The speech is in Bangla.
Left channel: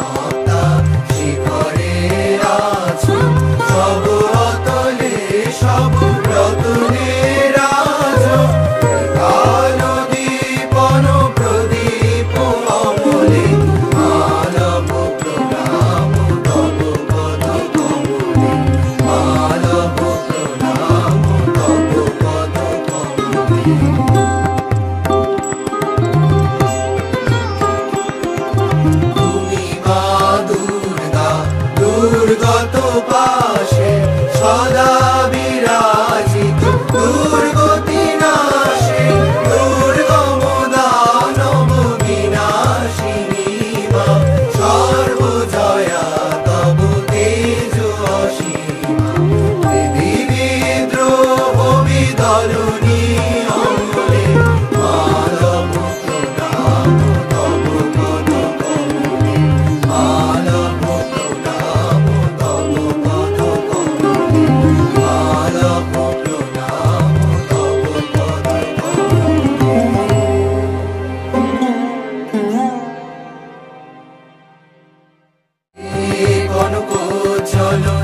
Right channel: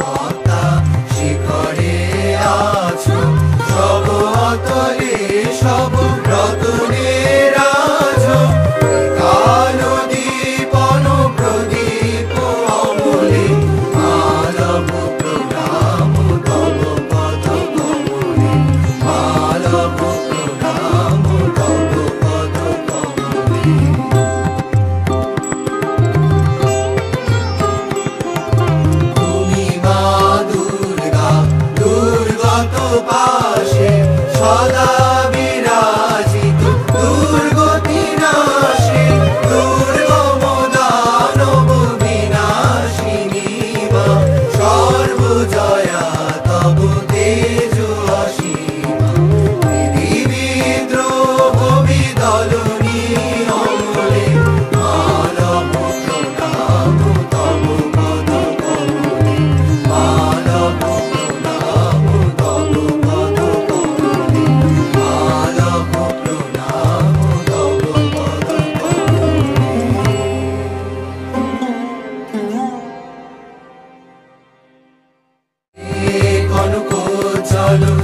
মমতা শিখরে আছো, সব অতলে সব রতনের আছো। কালো দীপন প্রদীপ অমলে মালব প্রণাম তব পদ কমলে, মালব প্রণাম তব পদ কমলে। দুর্গত পাশে সদা বিরাজিত, দুর্গতি নাশে দুর্গম দানব বিনাশিনী মা, সর্বজয়া তব তেজ অসীমা। বিদ্রোহ বিদলনী অমলে মালব প্রণাম তব পদ কমলে, মালব প্রণাম তব পদ কমলে, মালব প্রণাম তব পদ কমলে। কনক চলো